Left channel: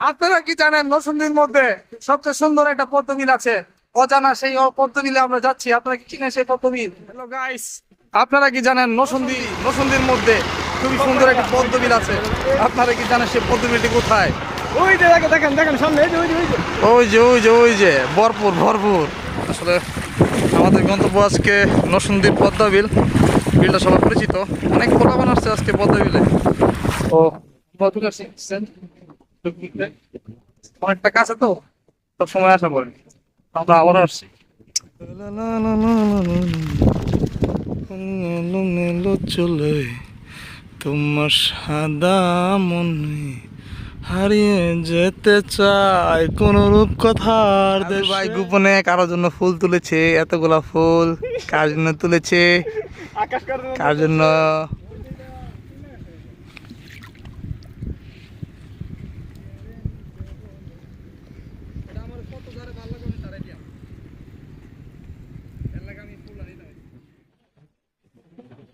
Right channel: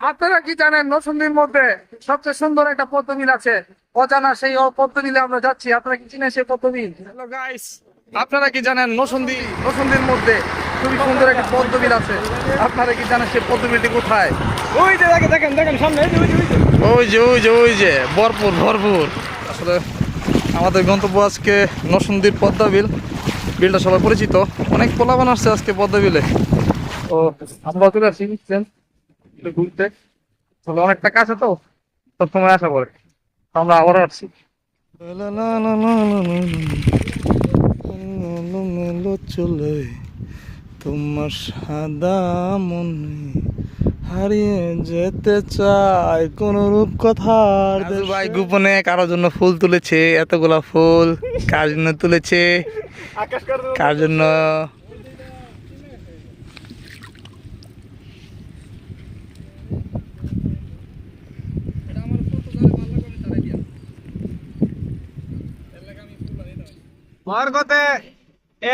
আপনারা কি জানেন নরসিংদীর মধ্যে সবচেয়ে সুন্দর একটা পদ্মবিল আছে? অজানা সেই পদ্মবিলে আমরা যাচ্ছি। আপনারা কি চিনেন সেই পদ্মবিল? হ্যালো গাইস, আপনারা কি জানেন নরসিংদীর মধ্যে খুবই সুন্দর একটি পদ্মবিল আছে? আপনারা কি জানেন সেই পদ্মবিলটি কোথায়? ওই যে দেখেন দেখেন সামনে এই যে ওই যে ওই যে ওই যে ভরপুর ভরপুর। আসলে আমাদের গন্তব্য আজকে নরসিংদীর পদ্মবিল। বিলটা সবাই পরিচিত, অনেক পোলাপান আসছে আজকে পদ্মবিলে। ও আমরা চলে আসছি একটু ঘুরতে। আসলে অনেকটা কাছে তো, সব সময় আসা পড়ে। আমরা আবারও আসছি। চলে তোমার সাদা মনে হারিয়ে যেতে চাই কোন রূপ কথার দেশে। ভাই গোপনে কারোর জন্য ফুল তুলেছে, এতগুলা ফুল কার জন্য তুলেছে, আকাশ কার কার জন্য? আমার কথা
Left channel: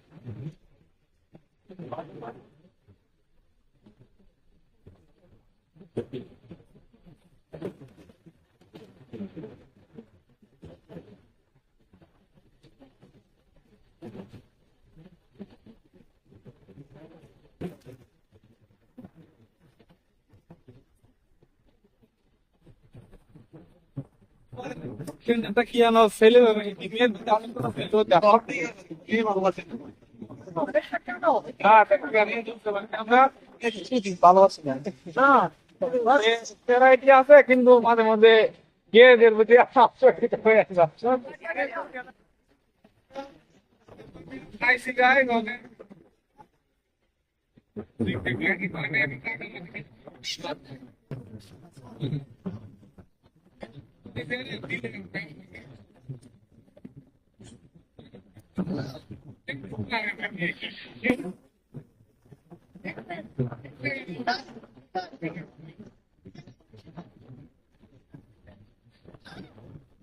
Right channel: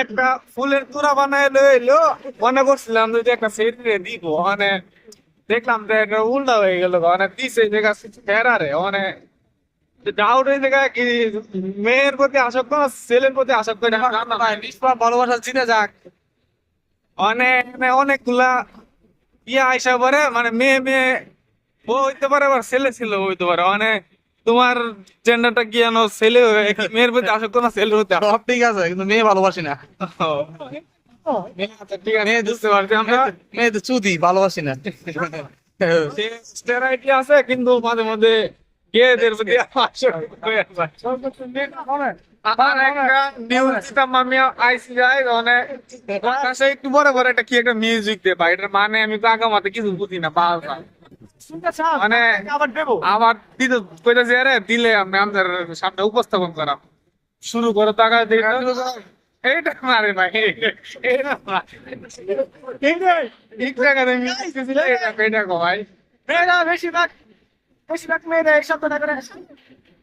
একটা ফুলের তোড়া বানায় লইলো, মনে করছিলাম যে একটা সেটে দিব, মানে দেখলাম যে একটা উল্টা হয়ে গেল, মানে দিছে জায়গা ফেরারে, মানে ডাউট হয়ে জায়গা কি মেয়ের প্রতি আসক্ত না ছেলের প্রতি আসক্ত এটা জানা নাই। নিষ্পাপ ভালোবাসা জিতে যাক, অনেক অনেকগুলা ইয়ে আইসা পারে, মানে মেয়ে মেয়ে ও হইতে পারে, আবার ছেলে ছেলে হইতে পারে, মানে তোমার জেন্ডারটা কি জানো, ছেলে মেয়ের প্রতি আসক্ত না ছেলের প্রতি আসক্ত? সব ঠিক আছে, কিন্তু মেয়ে ভালোবাসি না। আচ্ছা ঠিক আছে, বুঝতে পারছি আমরা। মেয়ে তো চুদি, ভালোবাসি না। স্টেরাইটি আছে কিন্তু মাঝে মাঝে গেদের প্রতি আসক্ত হয়ে যায়। আমার একটা নিউজ দিতাম আমি আইসি যাই, মানে আকাশে একটু বড় বড় একটা কি একটা মিউজিক দে ভাই, এটার মানে আমি তো আগা মাথা কিছু বুঝি না, বাবা মানে আবার দিতে কইতাছি, আরে দিলে আমি আমাদের সামনে উপস্থাপন করা শুরু করো, টাকা দিয়ে এইটা মারে ভাই, এইটা ঠিক জায়গাতে মিউজিক দিছিল, এটা কো ভাই মেয়েরা বেশিরভাগ মেয়েরা এই শব্দটা করে।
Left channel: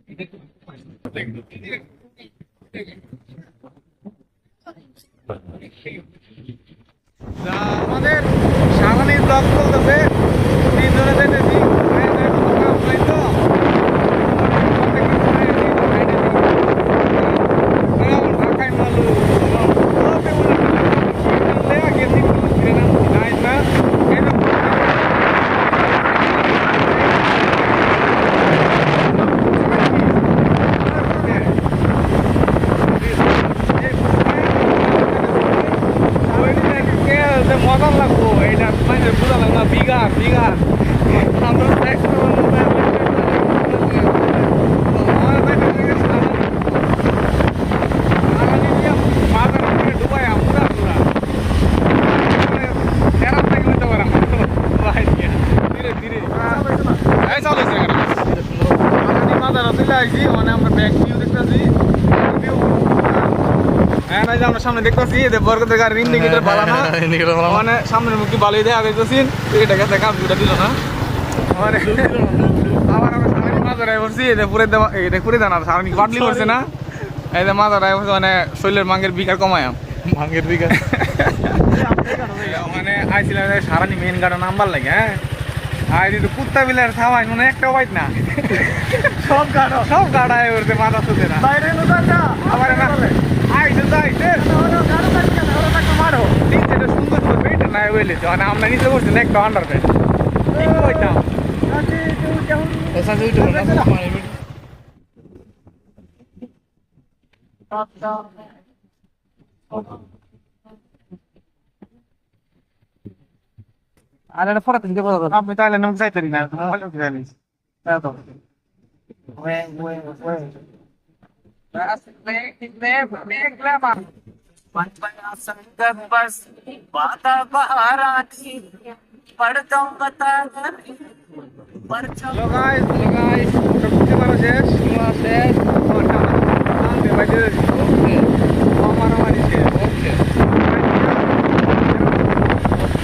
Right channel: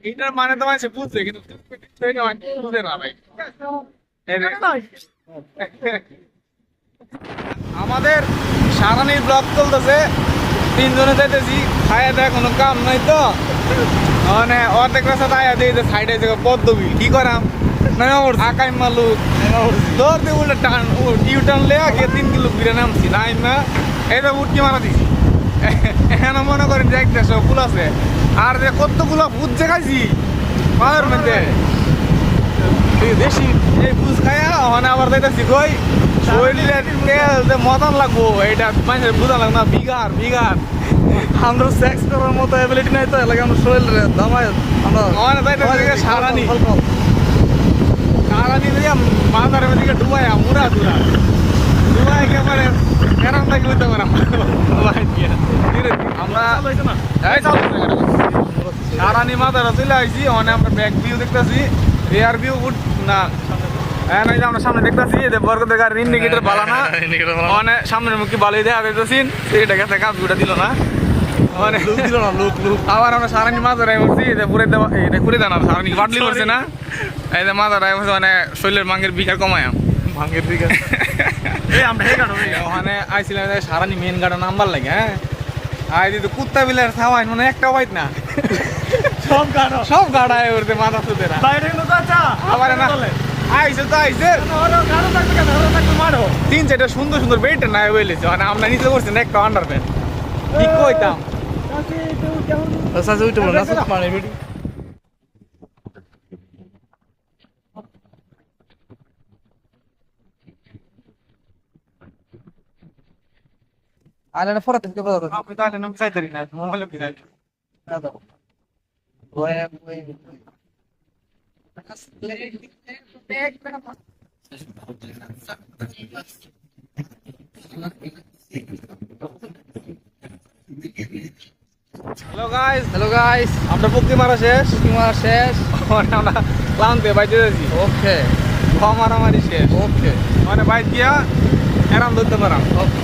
এটার মানে তো মানুষ বুঝছে কিন্তু বুঝে না ভাই। আমাদের সারানির ব্লগ চলতেছে, তিনজনে যাইতেছি, খায়া দেয় কোনো কাম নাই তো, মানে অর্ধেক রাস্তা খায়া দিয়ে সাইডে পদ্মবি কি করাম, আকাই মালু দৌড়তে বলে টান টিউ টানলে আগে 3 কিলো ফিরে নামছি নাই না, এটা উঠতে মারা এখানে মনে করি যে একটা সবগুলো আছে, আর যে কতগুলো পুচ্ছে খাচ্ছি পাওয়ার মধ্যে বেশি এই পুষ খায়া, মানে আবার যাইতেছি কই শরীরের যে মদন লাগবো এইটা মানে বুঝা লাগবে না, বিগার বিগার আমরা সেক্স করার মতো অ্যাবিলিটি নাই তো, এলাকা আমরা শরীরে দামায় আমার যাইতেছি সারানি দিয়ে মাথার দিকে ডুবাই মুড়া টুরা ডুবাই একেবারে এরাম থেকে হইতে পারে ভাই। ধীরে ধীরে আমরা এই চালাইছি সারানি মাথাটা চলে আসছি, মানে আমরা ব্যাক ভিউ দেখতেছি, রেয়ার ভিউ না হ্যাঁ নাই যে আমরা সামনে দেখতেছি এদের বরকতের গাড়ির ইন্ডিকেটর বালানো, মানে সামনের মুখে বালিয়ে দেওয়া যাইতেছি, এটা গেছে কাপ ভিউটা দিল না, মানে আবার আমরা সারানি মাথায় বসছি, এটা পুরে দেওয়া, এটা পুরে দেওয়া না সারানি বাটলি করছে না, এই যে মাথায় বসে মানে শৈলের মাঙ্গের বিঘা কমায় ভাঙ্গের দিকে। মানে আইছিলাম সারানি মেন গাড়া নাম্বার লাগে, হ্যাঁ আর যদি কুত্তা বিলার থামাই মানে একটা বাইট না, সব গাড়ায় উঠতে মাথা সুতে না আবার না আইসে তো আইসে 3-4টা সুন্দর সুন্দর বেট নাই বলেছে, মানে আমরা নিচে করছি না একটা আন্ডার প্যান্ট ঠিক কইতাম। আর এটা পরে থেকে বলা যাবে। আমি তাহলে নাম চাইতারি না, মোবাইল কি জানিস তো হ্যালো গাইস, হ্যালো গাইস, আমরা মুক্তি মারা শেষ, তোমার শেষ। মানে আমরা ক্লান্তে বাইতে যাচ্ছি, ওকে মারামারি শেষ, ওকে মানে বাইক দিয়া এরাম ধরতে পারাম। ওকে।